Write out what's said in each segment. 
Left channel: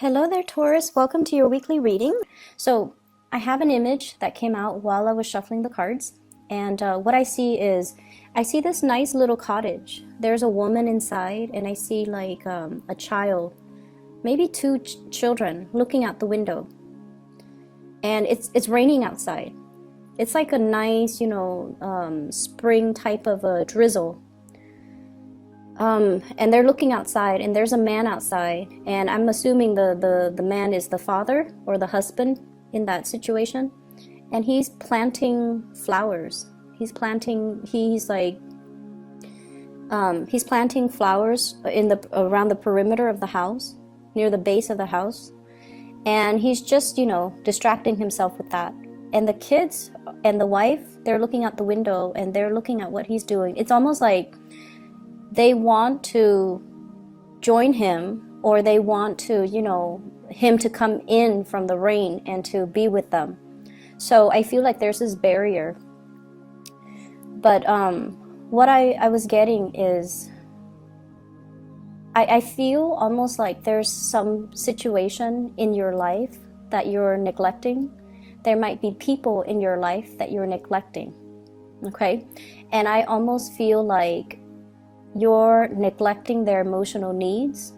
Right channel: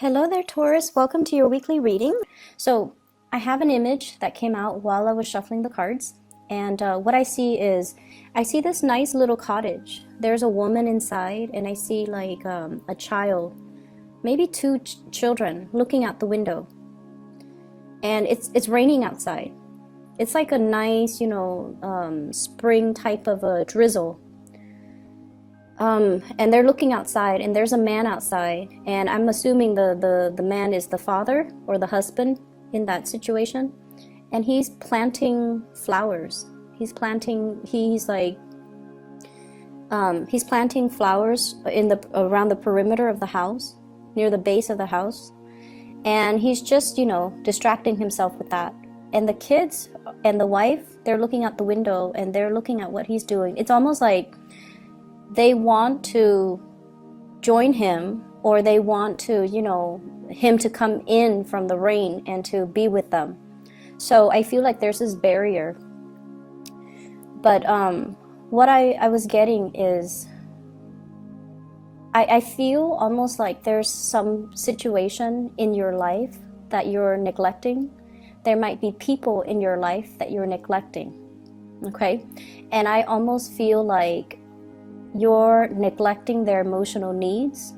Hello there, Taurus. Welcome to your weekly reading. So, I have an image that came out while I was shuffling the cards, and what I see this nice little cottage. There's a woman inside, and I see like a child, maybe two children, looking out the window. And it's raining outside. It's like a nice, spring type of a drizzle. And they're looking outside, and there's a man outside, and I'm assuming the man is the father or the husband in that situation, and he's planting flowers. He's planting flowers around the perimeter of the house, near the base of the house, and he's just distracting himself with that. And the kids and the wife, they're looking out the window and they're looking at what he's doing. It's almost like they want to join him, or they want to, him to come in from the rain and to be with them. So I feel like there's this barrier. But what I was getting is, I feel almost like there's some situation in your life that you're neglecting. There might be people in your life that you're neglecting, okay? And I almost feel like you're neglecting their emotional needs.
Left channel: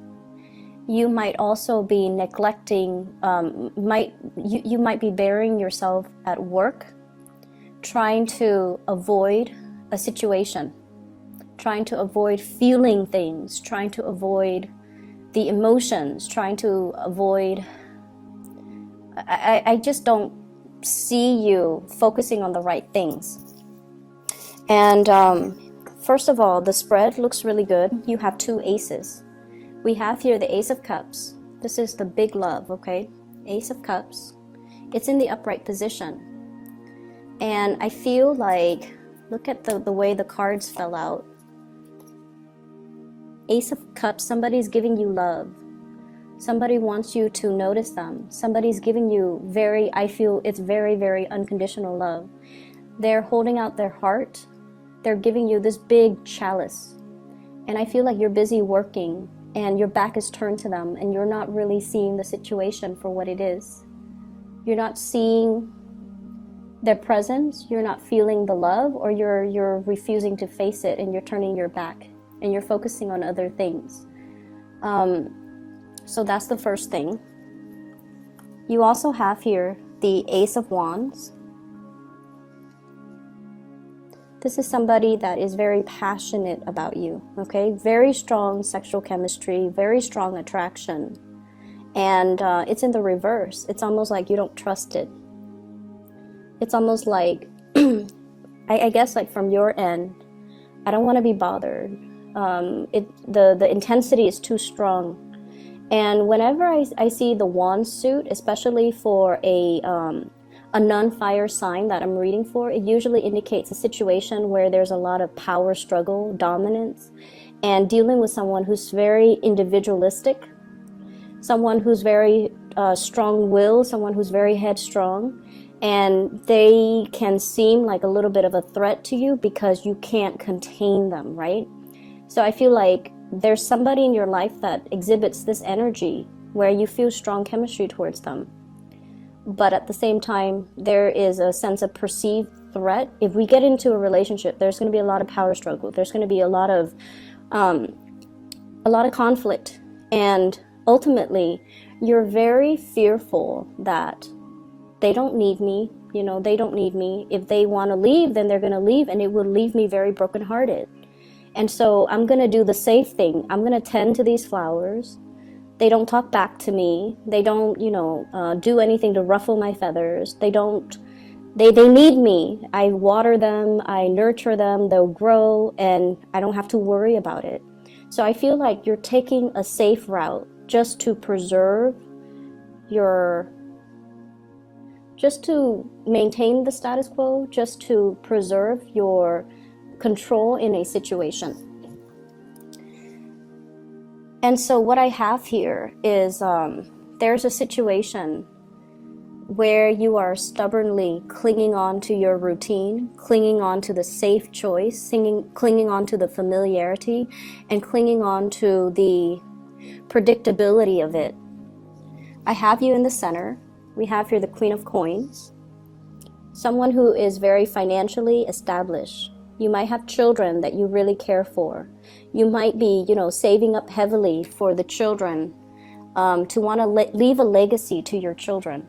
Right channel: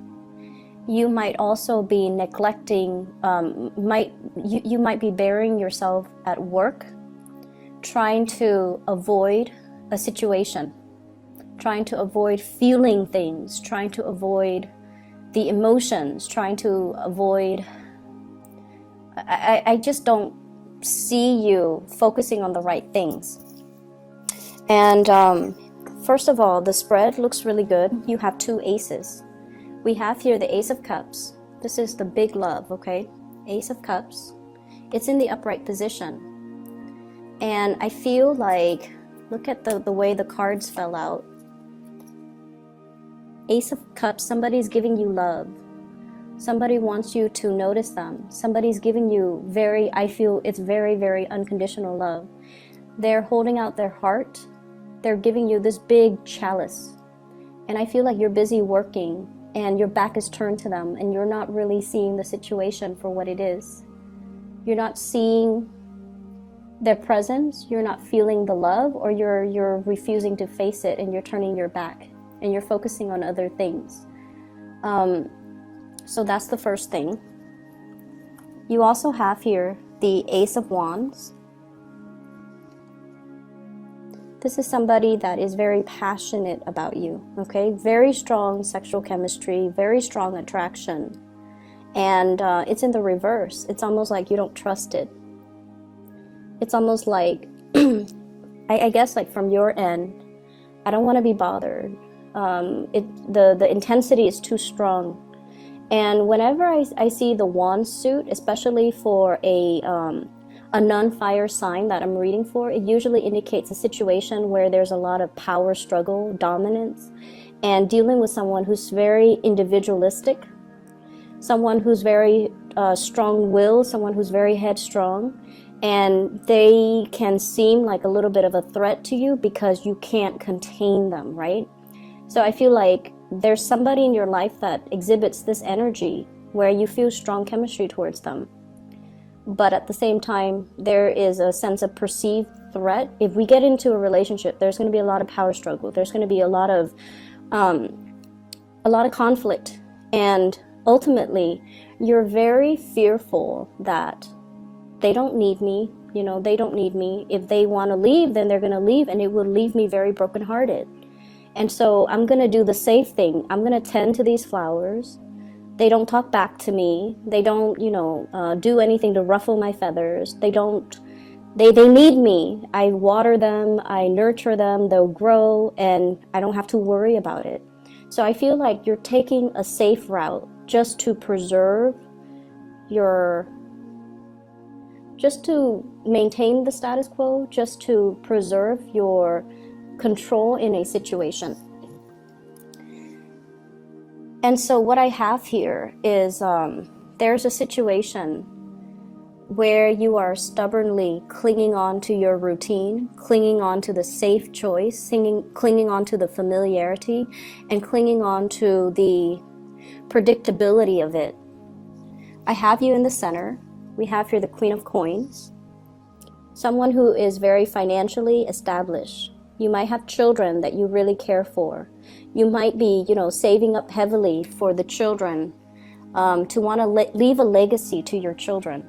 You might also be neglecting, you might be burying yourself at work, trying to avoid a situation, trying to avoid feeling things, trying to avoid the emotions, trying to avoid. I just don't see you focusing on the right things. And first of all, the spread looks really good. You have two aces. We have here the Ace of Cups. This is the big love, okay? Ace of Cups. It's in the upright position. And I feel like, look at the way the cards fell out. Ace of Cups, somebody's giving you love. Somebody wants you to notice them. Somebody's giving you I feel it's very, very unconditional love. They're holding out their heart. They're giving you this big chalice, and I feel like you're busy working and your back is turned to them, and you're not really seeing the situation for what it is. You're not seeing their presence, you're not feeling the love, or you're refusing to face it, and you're turning your back and you're focusing on other things. So that's the first thing. You also have here the Ace of Wands. This is somebody that is very passionate about you, okay? Very strong sexual chemistry, very strong attraction. And it's in the reverse. It's almost like you don't trust it. It's almost like, I guess like from your end, I don't want to be bothered. The intensity is too strong. And whenever I see the wand suit, especially for a non-fire sign that I'm reading for, it usually indicates a situation where there's a lot of power struggle, dominance, and dealing with someone who's very individualistic, someone who's very strong-willed, someone who's very headstrong, and they can seem like a little bit of a threat to you because you can't contain them, right? So I feel like there's somebody in your life that exhibits this energy where you feel strong chemistry towards them. But at the same time, there is a sense of perceived threat. If we get into a relationship, there's going to be a lot of power struggle. There's going to be a lot of conflict. And ultimately, you're very fearful that they don't need me. They don't need me. If they want to leave, then they're going to leave, and it will leave me very brokenhearted. And so I'm going to do the safe thing. I'm going to tend to these flowers. They don't talk back to me. They don't, do anything to ruffle my feathers. They need me. I water them. I nurture them. They'll grow, and I don't have to worry about it. So I feel like you're taking a safe route just to maintain the status quo, just to preserve your control in a situation. And so what I have here is there's a situation where you are stubbornly clinging on to your routine, clinging on to the safe choice, clinging on to the familiarity, and clinging on to the predictability of it. I have you in the center. We have here the Queen of Coins. Someone who is very financially established. You might have children that you really care for. You might be, saving up heavily for the children, to want to leave a legacy to your children.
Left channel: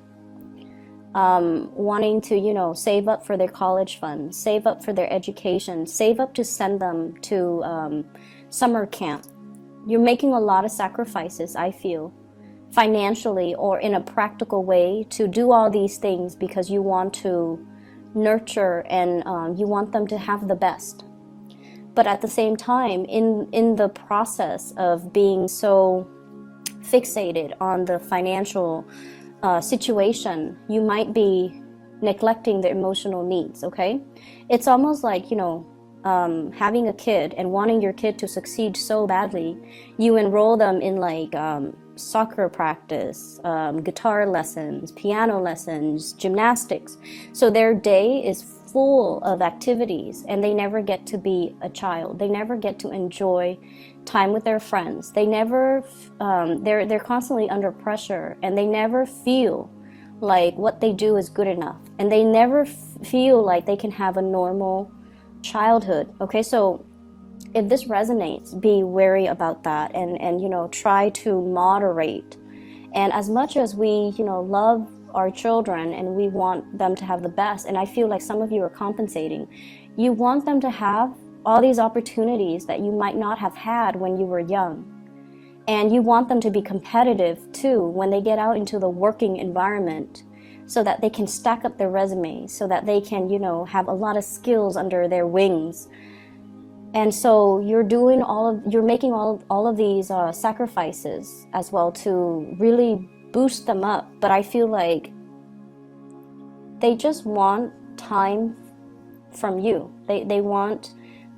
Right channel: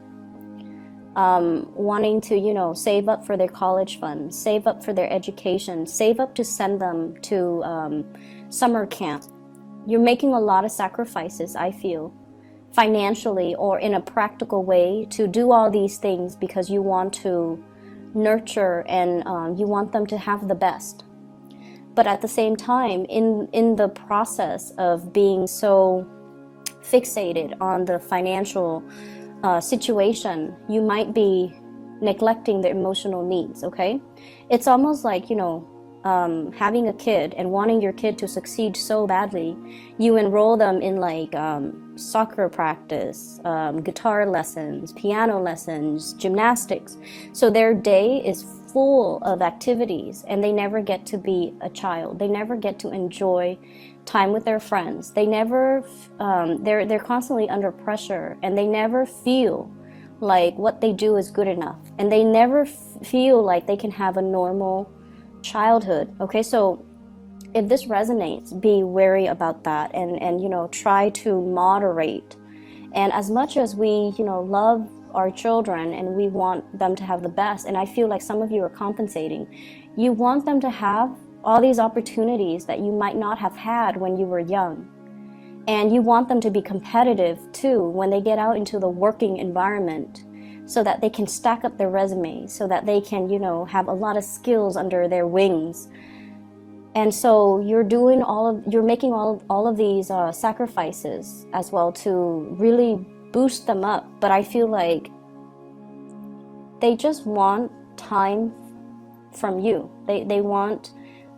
Wanting to, save up for their college funds, save up for their education, save up to send them to summer camp. You're making a lot of sacrifices, I feel, financially or in a practical way to do all these things because you want to nurture and you want them to have the best. But at the same time, in the process of being so fixated on the financial situation, you might be neglecting their emotional needs, okay? It's almost like, having a kid and wanting your kid to succeed so badly, you enroll them in like soccer practice, guitar lessons, piano lessons, gymnastics. So their day is full of activities and they never get to be a child. They never get to enjoy time with their friends. They never, they're constantly under pressure and they never feel like what they do is good enough. And they never feel like they can have a normal childhood. Okay, so if this resonates, be wary about that and try to moderate. And as much as we love our children and we want them to have the best, and I feel like some of you are compensating, you want them to have all these opportunities that you might not have had when you were young, and you want them to be competitive too when they get out into the working environment, so that they can stack up their resumes, so that they can, have a lot of skills under their wings. And so you're making all of these sacrifices as well to really boost them up. But I feel like they just want time from you. They want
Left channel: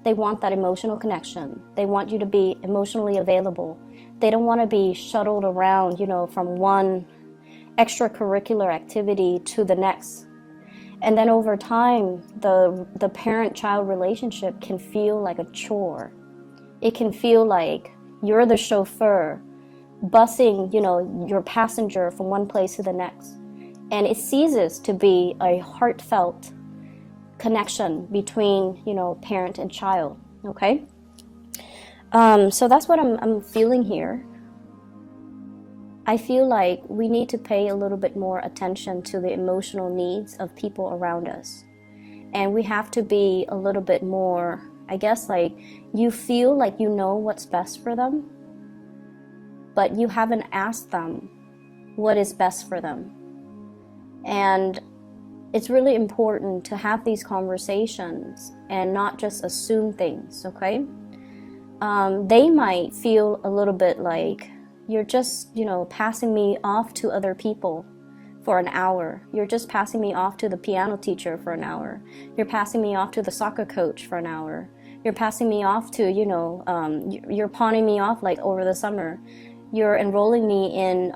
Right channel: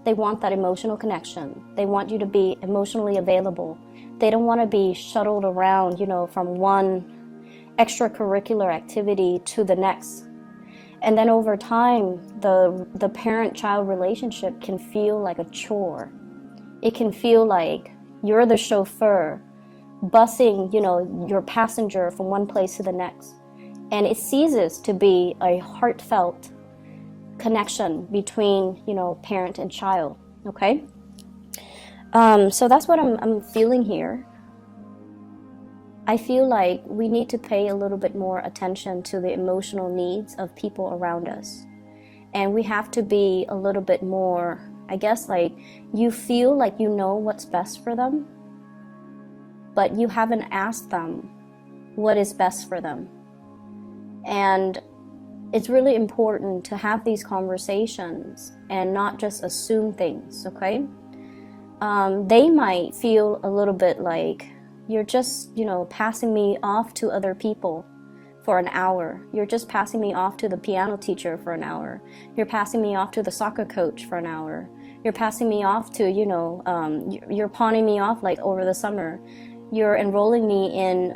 that emotional connection. They want you to be emotionally available. They don't want to be shuttled around, from one extracurricular activity to the next. And then over time, the parent-child relationship can feel like a chore. It can feel like you're the chauffeur, busing, your passenger from one place to the next. And it ceases to be a heartfelt connection between, parent and child, okay? So that's what I'm feeling here. I feel like we need to pay a little bit more attention to the emotional needs of people around us. And we have to be a little bit more, I guess, like you feel like you know what's best for them, but you haven't asked them what is best for them. And it's really important to have these conversations and not just assume things, okay? They might feel a little bit like, you're just, passing me off to other people for an hour. You're just passing me off to the piano teacher for an hour. You're passing me off to the soccer coach for an hour. You're passing me off to, you're pawning me off like over the summer. You're enrolling me in,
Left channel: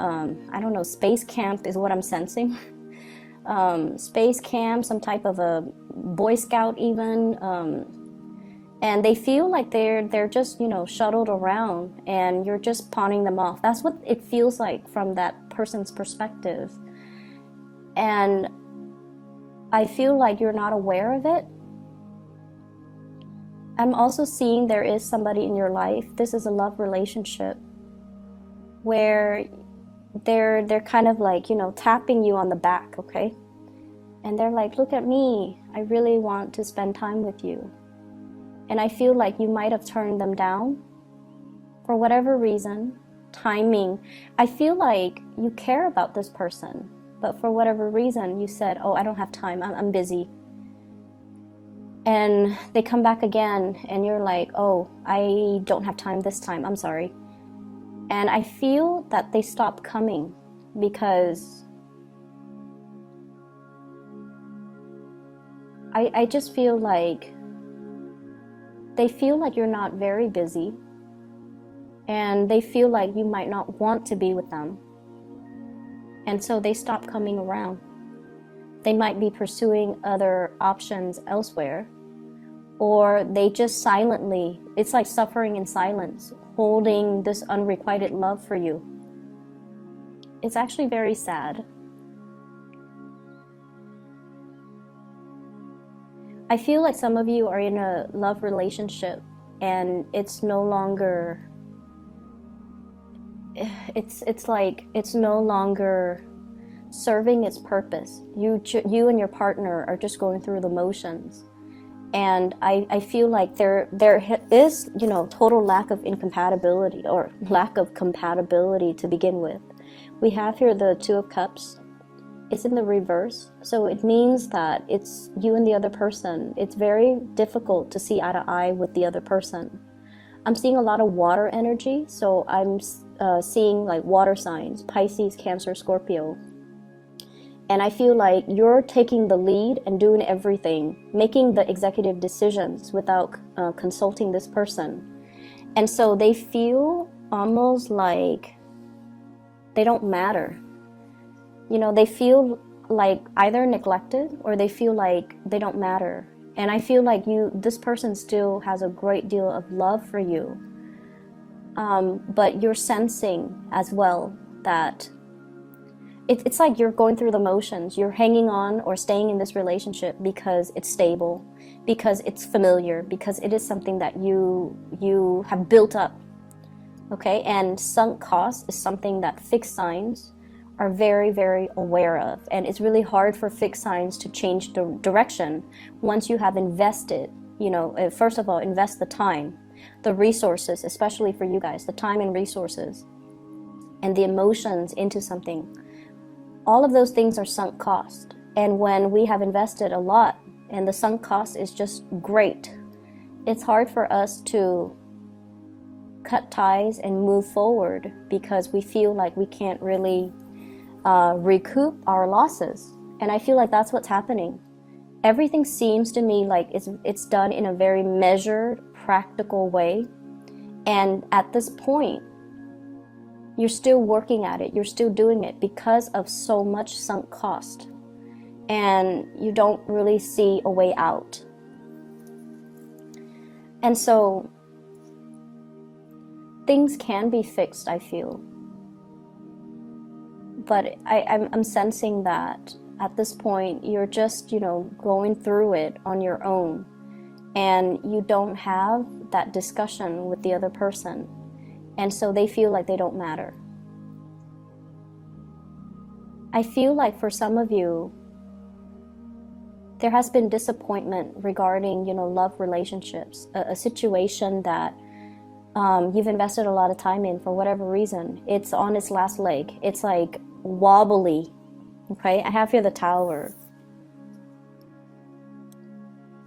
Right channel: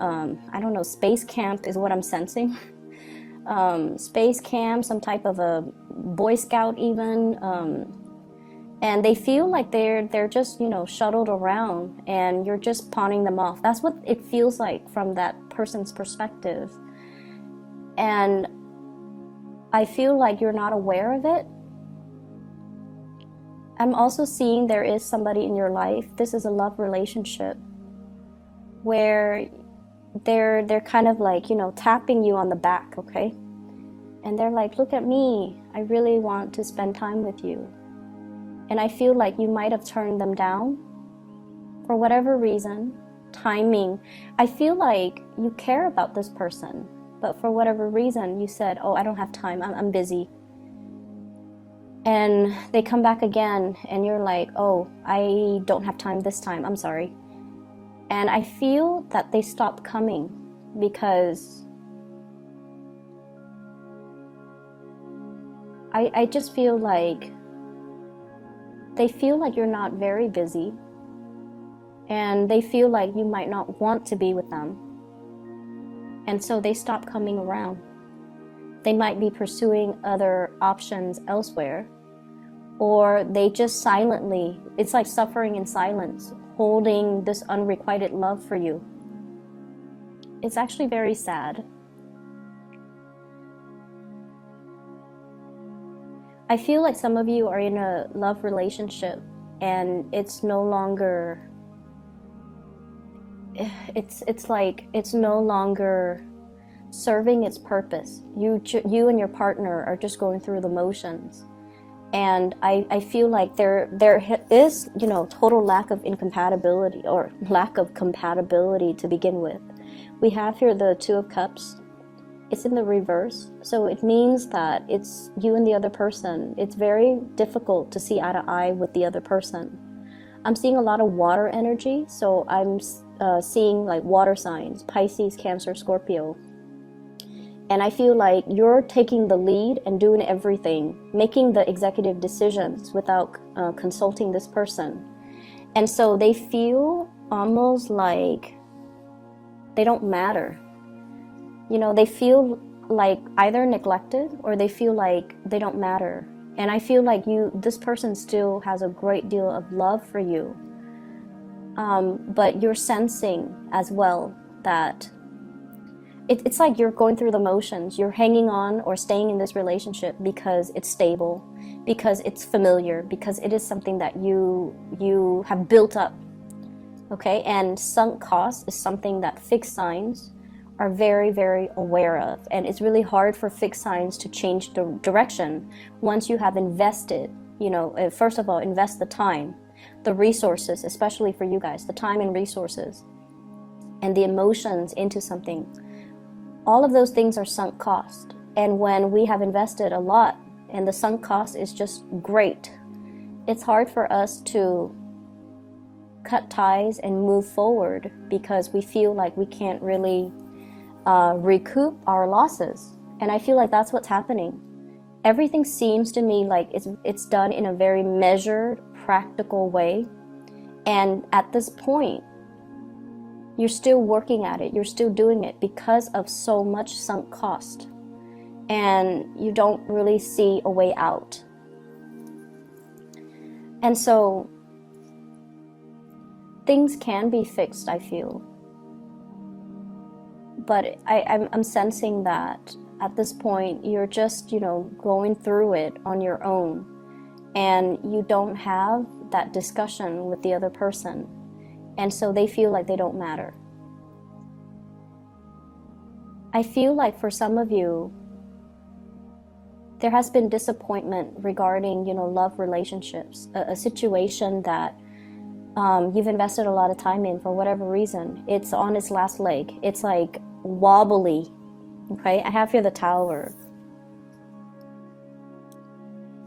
space camp is what I'm sensing. Space camp, some type of a Boy Scout even. And they feel like they're just, shuttled around and you're just pawning them off. That's what it feels like from that person's perspective. And I feel like you're not aware of it. I'm also seeing there is somebody in your life. This is a love relationship where they're kind of like, tapping you on the back, okay? And they're like, look at me. I really want to spend time with you. And I feel like you might have turned them down for whatever reason, timing. I feel like you care about this person, but for whatever reason, you said, oh, I don't have time, I'm busy. And they come back again, and you're like, oh, I don't have time this time, I'm sorry. And I feel that they stopped coming because I just feel like they feel like you're not very busy, and they feel like you might not want to be with them. And so they stop coming around. They might be pursuing other options elsewhere, or they just silently, it's like suffering in silence, holding this unrequited love for you. It's actually very sad. I feel like some of you are in a love relationship and it's no longer, it's like it's no longer serving its purpose. You and your partner are just going through the motions. And I feel like there is, you know, total lack of incompatibility or lack of compatibility to begin with. We have here the Two of Cups. It's in the reverse. So it means that it's you and the other person. It's very difficult to see eye to eye with the other person. I'm seeing a lot of water energy. So I'm seeing like water signs, Pisces, Cancer, Scorpio. And I feel like you're taking the lead and doing everything, making the executive decisions without consulting this person. And so they feel almost like they don't matter. You know, they feel like either neglected or they feel like they don't matter. And I feel like this person still has a great deal of love for you. But you're sensing as well that it's like you're going through the motions. You're hanging on or staying in this relationship because it's stable, because it's familiar, because it is something that you have built up. Okay, and sunk cost is something that fixed signs are very, very aware of. And it's really hard for fixed signs to change the direction once you have invested. You know, first of all, invest the time, the resources, especially for you guys, the time and resources, and the emotions into something. All of those things are sunk cost. And when we have invested a lot and the sunk cost is just great, it's hard for us to cut ties and move forward because we feel like we can't really recoup our losses. And I feel like that's what's happening. Everything seems to me like it's done in a very measured, practical way. And at this point, you're still working at it. You're still doing it because of so much sunk cost. And you don't really see a way out. And so things can be fixed, I feel. But I'm sensing that at this point, you're just, you know, going through it on your own. And you don't have that discussion with the other person. And so they feel like they don't matter. I feel like for some of you, there has been disappointment regarding, you know, love relationships, a situation that you've invested a lot of time in for whatever reason. It's on its last leg. It's like wobbly. Okay, I have here the Tower.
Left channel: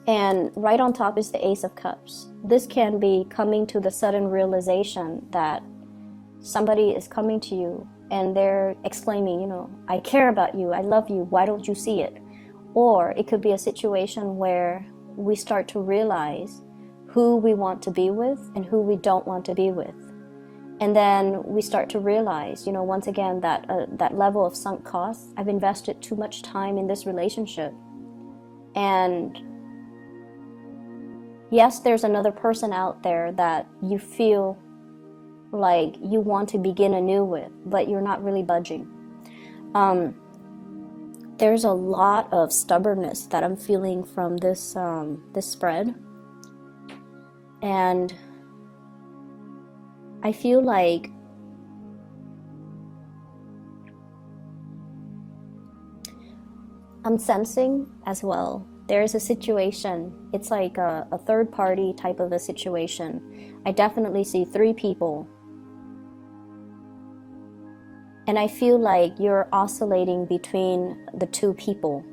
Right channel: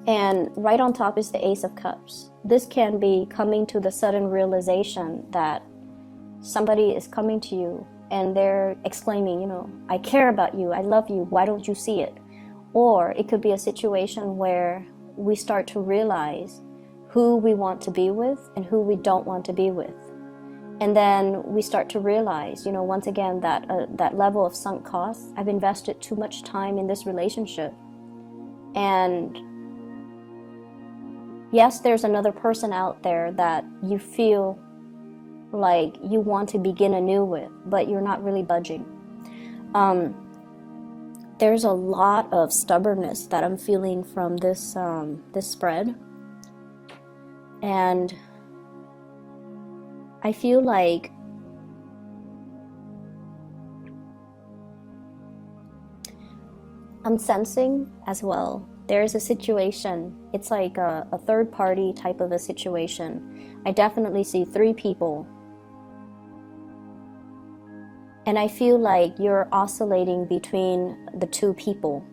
And right on top is the Ace of Cups. This can be coming to the sudden realization that somebody is coming to you and they're exclaiming, you know, I care about you, I love you, why don't you see it? Or it could be a situation where we start to realize who we want to be with and who we don't want to be with. And then we start to realize, you know, once again, that that level of sunk costs, I've invested too much time in this relationship. And yes, there's another person out there that you feel like you want to begin anew with, but you're not really budging. There's a lot of stubbornness that I'm feeling from this spread. And I feel like I'm sensing as well, there's a situation, it's like a third party type of a situation. I definitely see 3 people. And I feel like you're oscillating between the 2 people.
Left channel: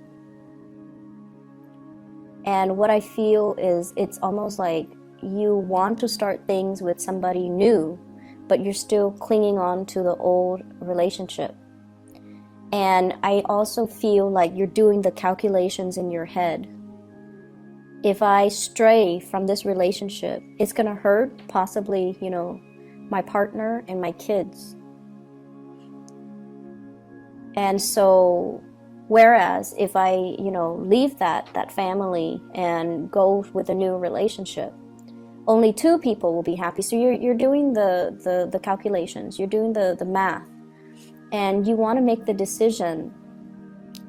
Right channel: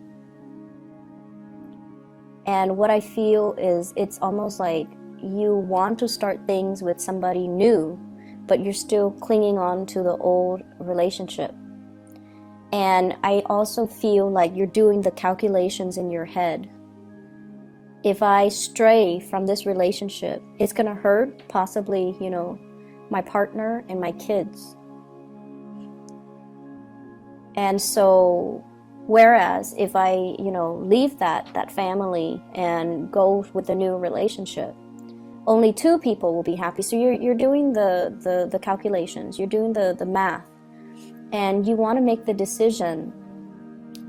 And what I feel is it's almost like you want to start things with somebody new, but you're still clinging on to the old relationship. And I also feel like you're doing the calculations in your head. If I stray from this relationship, it's going to hurt possibly, you know, my partner and my kids. And so, whereas if I, you know, leave that family and go with a new relationship, only 2 people will be happy. So you're doing the calculations, you're doing the math. And you want to make the decision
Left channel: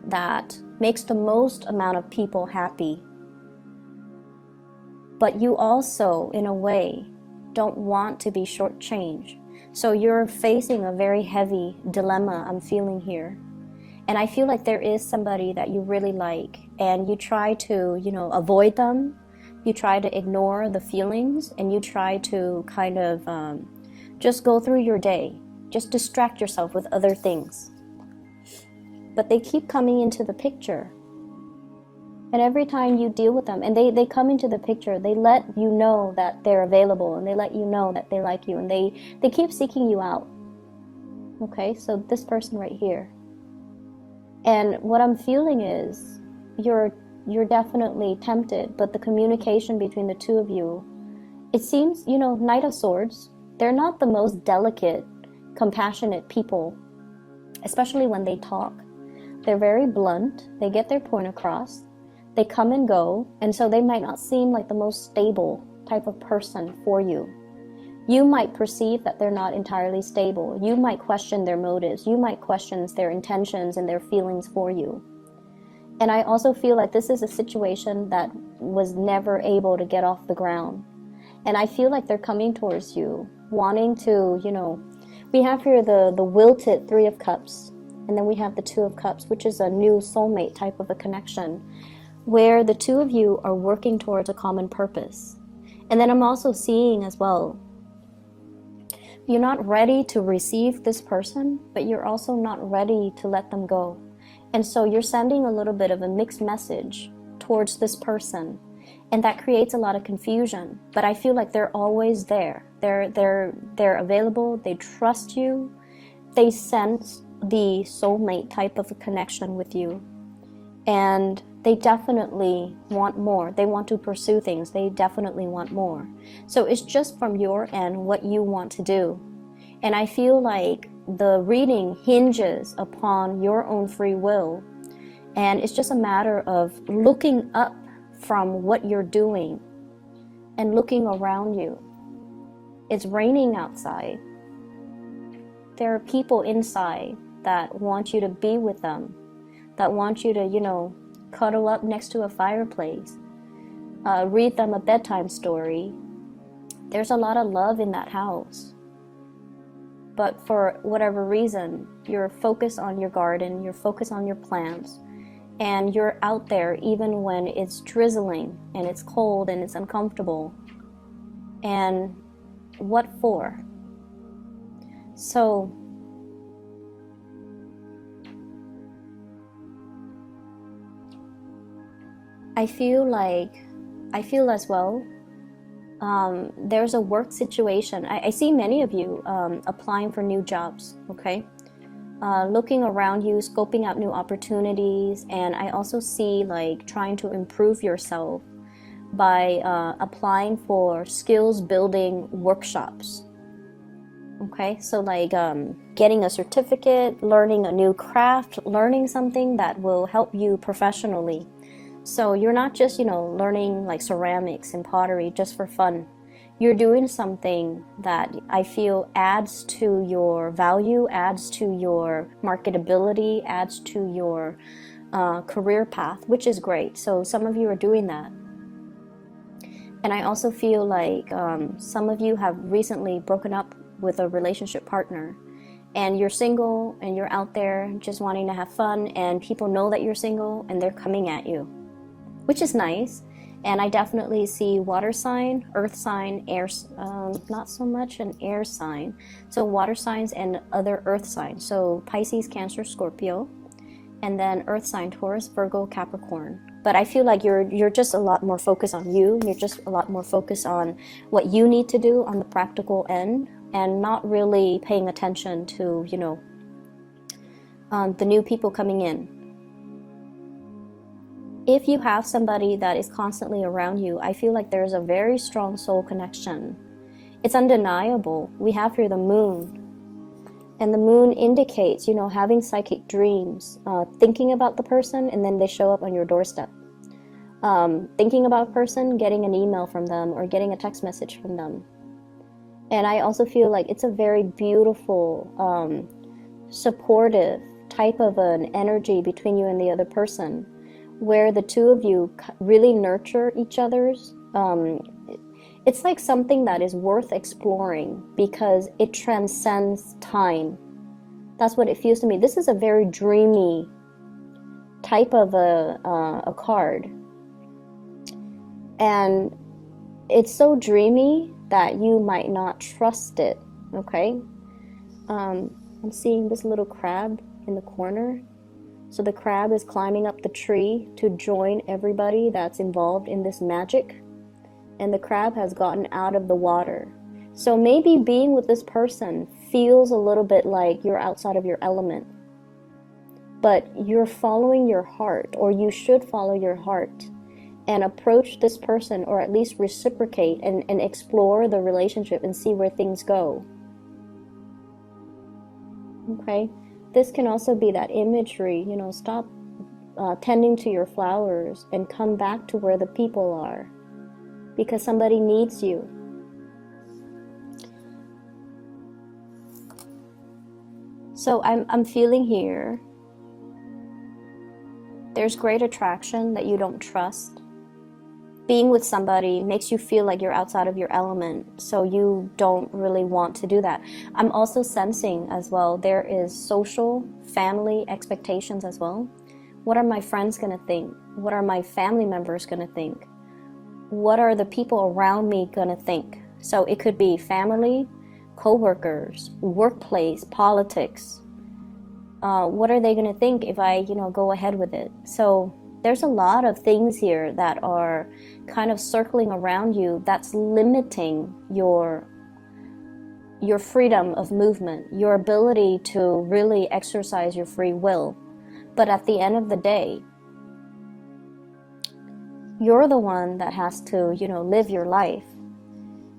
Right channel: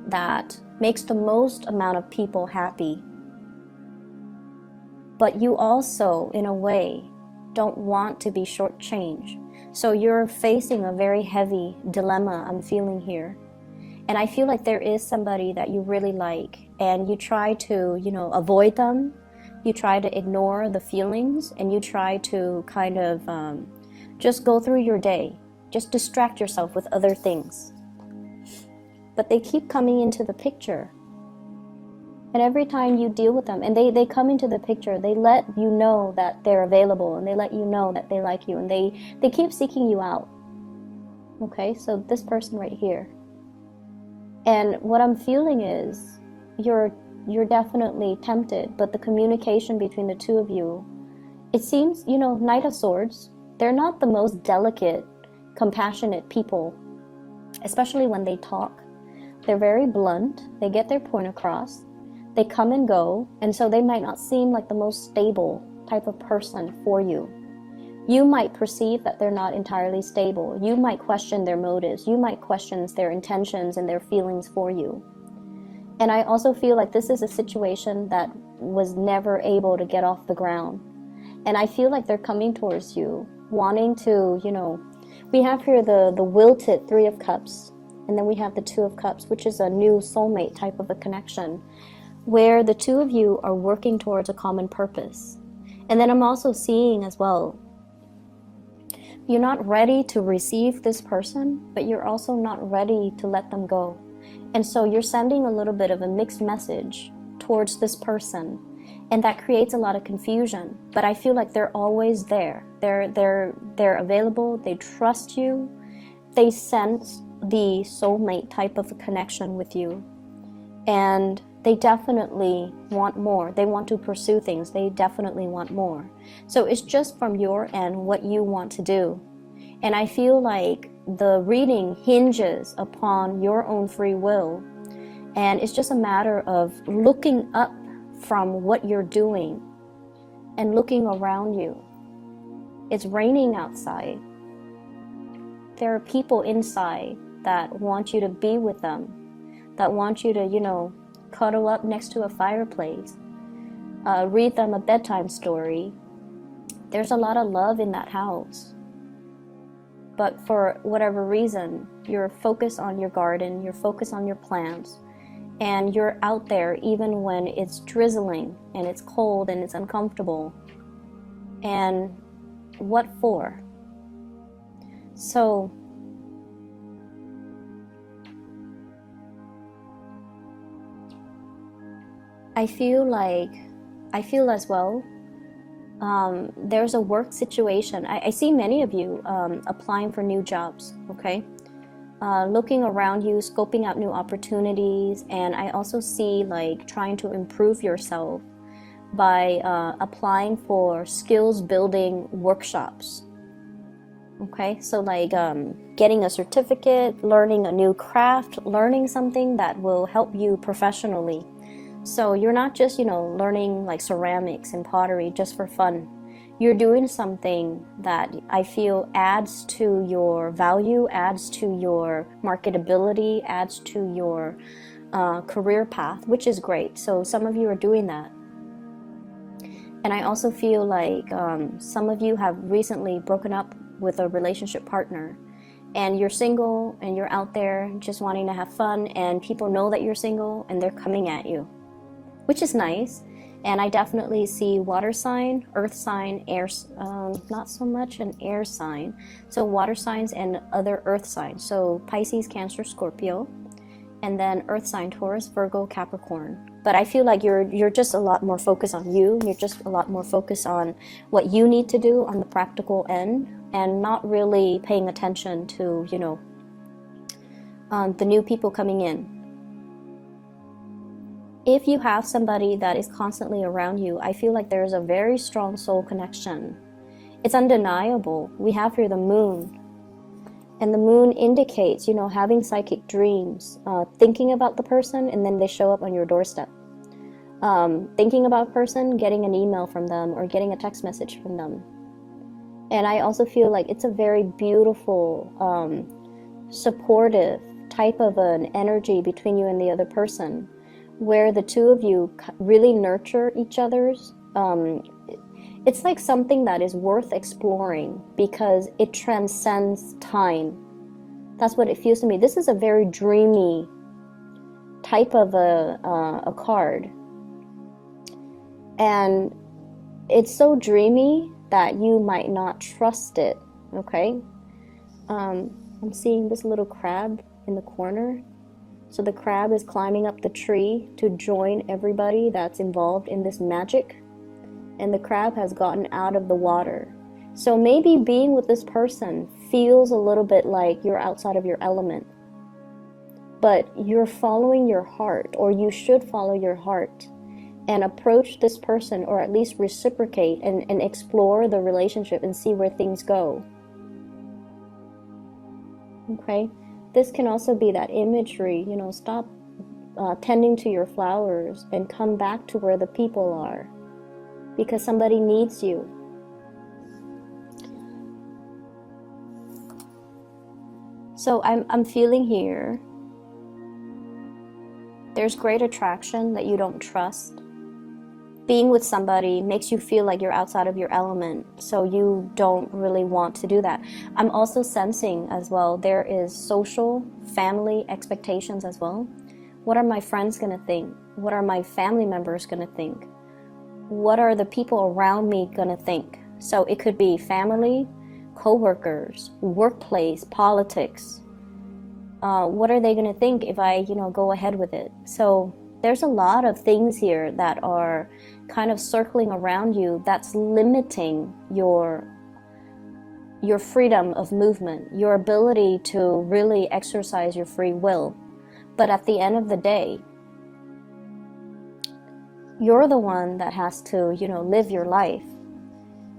that makes the most amount of people happy. But you also, in a way, don't want to be shortchanged. So you're facing a very heavy dilemma I'm feeling here. And I feel like there is somebody that you really like, and you try to, avoid them. You try to ignore the feelings, and you try to kind of just go through your day. Just distract yourself with other things. But they keep coming into the picture. And every time you deal with them, and they come into the picture, they let you know that they're available, and they let you know that they like you, and they keep seeking you out. Okay, so this person right here. And what I'm feeling is you're definitely tempted, but the communication between the two of you, it seems, Knight of Swords, they're not the most delicate, compassionate people, especially when they talk. They're very blunt, they get their point across. They come and go, and so they might not seem like the most stable type of person for you. You might perceive that they're not entirely stable. You might question their motives. You might question their intentions and their feelings for you. And I also feel like this is a situation that was never able to get off the ground. And I feel like they're coming towards you, wanting to, we have here the wilted Three of Cups, and then we have the Two of Cups, which is a new soulmate type of a connection, where the two of you are working towards a common purpose. And then I'm also seeing as well, you're not ready to receive this person, but you're also not ready to let them go. And so you're sending a little bit of a mixed message towards this person, and that creates a lot of confusion. But I feel like they're always there. They're available, they trust you, they sense the soulmate type of a connection with you. And they definitely want more. They want to pursue things. They definitely want more. So it's just from your end what you want to do. And I feel like the reading hinges upon your own free will. And it's just a matter of looking up from what you're doing and looking around you. It's raining outside. There are people inside that want you to be with them, that want you to, cuddle up next to a fireplace, read them a bedtime story. There's a lot of love in that house. But for whatever reason, you're focused on your garden, you're focused on your plants, and you're out there even when it's drizzling and it's cold and it's uncomfortable. And what for? So I feel as well, there's a work situation. I see many of you applying for new jobs, okay? Looking around you, scoping out new opportunities, and I also see trying to improve yourself by applying for skills building workshops, okay? So getting a certificate, learning a new craft, learning something that will help you professionally. So you're not just, learning ceramics and pottery just for fun. You're doing something that I feel adds to your value, adds to your marketability, adds to your career path, which is great. So some of you are doing that. And I also feel like some of you have recently broken up with a relationship partner. And you're single and you're out there just wanting to have fun, and people know that you're single and they're coming at you, which is nice. And I definitely see water sign, earth sign, air, not so much an air sign. So water signs and other earth signs. So Pisces, Cancer, Scorpio, and then earth sign, Taurus, Virgo, Capricorn. But I feel like you're just a lot more focused on you. You're just a lot more focused on what you need to do on the practical end, and not really paying attention to, the new people coming in. If you have somebody that is constantly around you, I feel like there's a very strong soul connection. It's undeniable. We have here the moon. And the moon indicates, having psychic dreams, thinking about the person, and then they show up on your doorstep. Thinking about a person, getting an email from them, or getting a text message from them. And I also feel like it's a very beautiful supportive type of an energy between you and the other person, where the two of you really nurture each other's. It's like something that is worth exploring because it transcends time. That's what it feels to me. This is a very dreamy type of a card. And it's so dreamy that you might not trust it, okay? I'm seeing this little crab in the corner. So the crab is climbing up the tree to join everybody that's involved in this magic. And the crab has gotten out of the water. So maybe being with this person feels a little bit like you're outside of your element. But you're following your heart, or you should follow your heart, and approach this person, or at least reciprocate and explore the relationship and see where things go. Okay? This can also be that imagery, stop tending to your flowers and come back to where the people are. Because somebody needs you. So I'm feeling here, there's great attraction that you don't trust. Being with somebody makes you feel like you're outside of your element, so you don't really want to do that. I'm also sensing as well, there is social, family expectations as well. What are my friends going to think? What are my family members going to think? What are the people around me going to think? So it could be family, co-workers, workplace, politics. What are they going to think if I, go ahead with it? So there's a lot of things here that are kind of circling around you that's limiting your freedom of movement, your ability to really exercise your free will. But at the end of the day, you're the one that has to, live your life.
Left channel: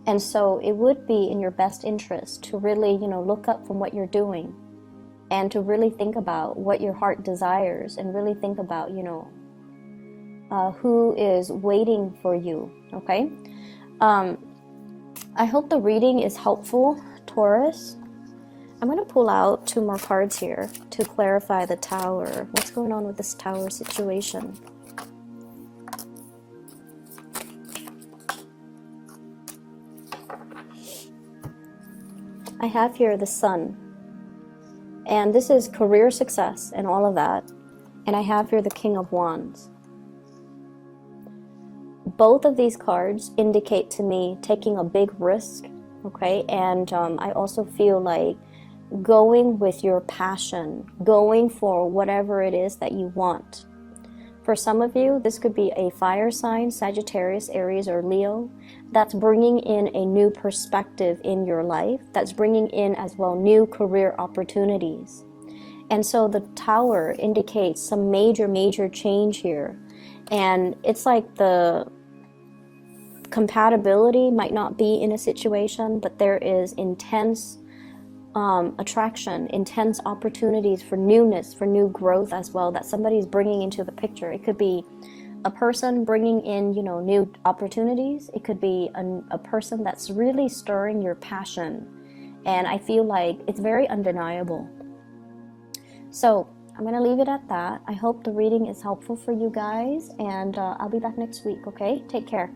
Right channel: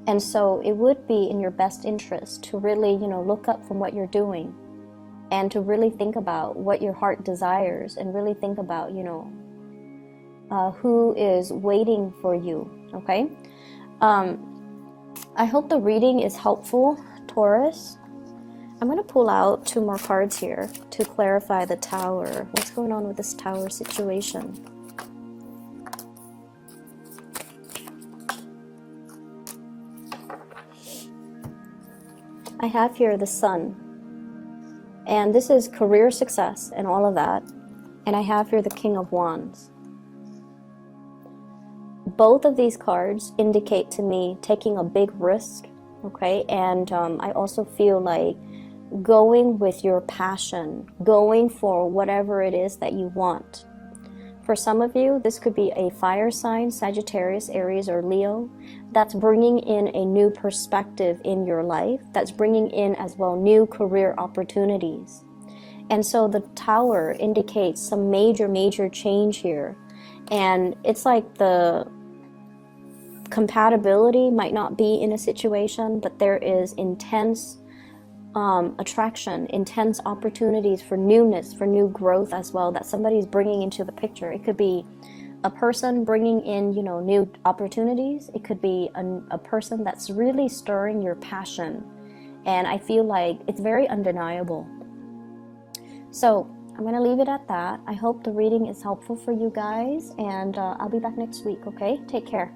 And so it would be in your best interest to really, look up from what you're doing and to really think about what your heart desires and really think about, who is waiting for you, okay? I hope the reading is helpful, Taurus. I'm going to pull out 2 more cards here to clarify the Tower. What's going on with this Tower situation? I have here the Sun, and this is career success and all of that. And I have here the King of Wands. Both of these cards indicate to me taking a big risk, okay? And I also feel like going with your passion, going for whatever it is that you want. For some of you, this could be a fire sign, Sagittarius, Aries, or Leo, that's bringing in a new perspective in your life, that's bringing in as well new career opportunities. And so the Tower indicates some major change here. And it's like the compatibility might not be in a situation, but there is intense attraction, intense opportunities for newness, for new growth as well, that somebody's bringing into the picture. It could be a person bringing in, new opportunities. It could be a person that's really stirring your passion. And I feel like it's very undeniable. So I'm going to leave it at that. I hope the reading is helpful for you guys, and I'll be back next week, okay? Take care.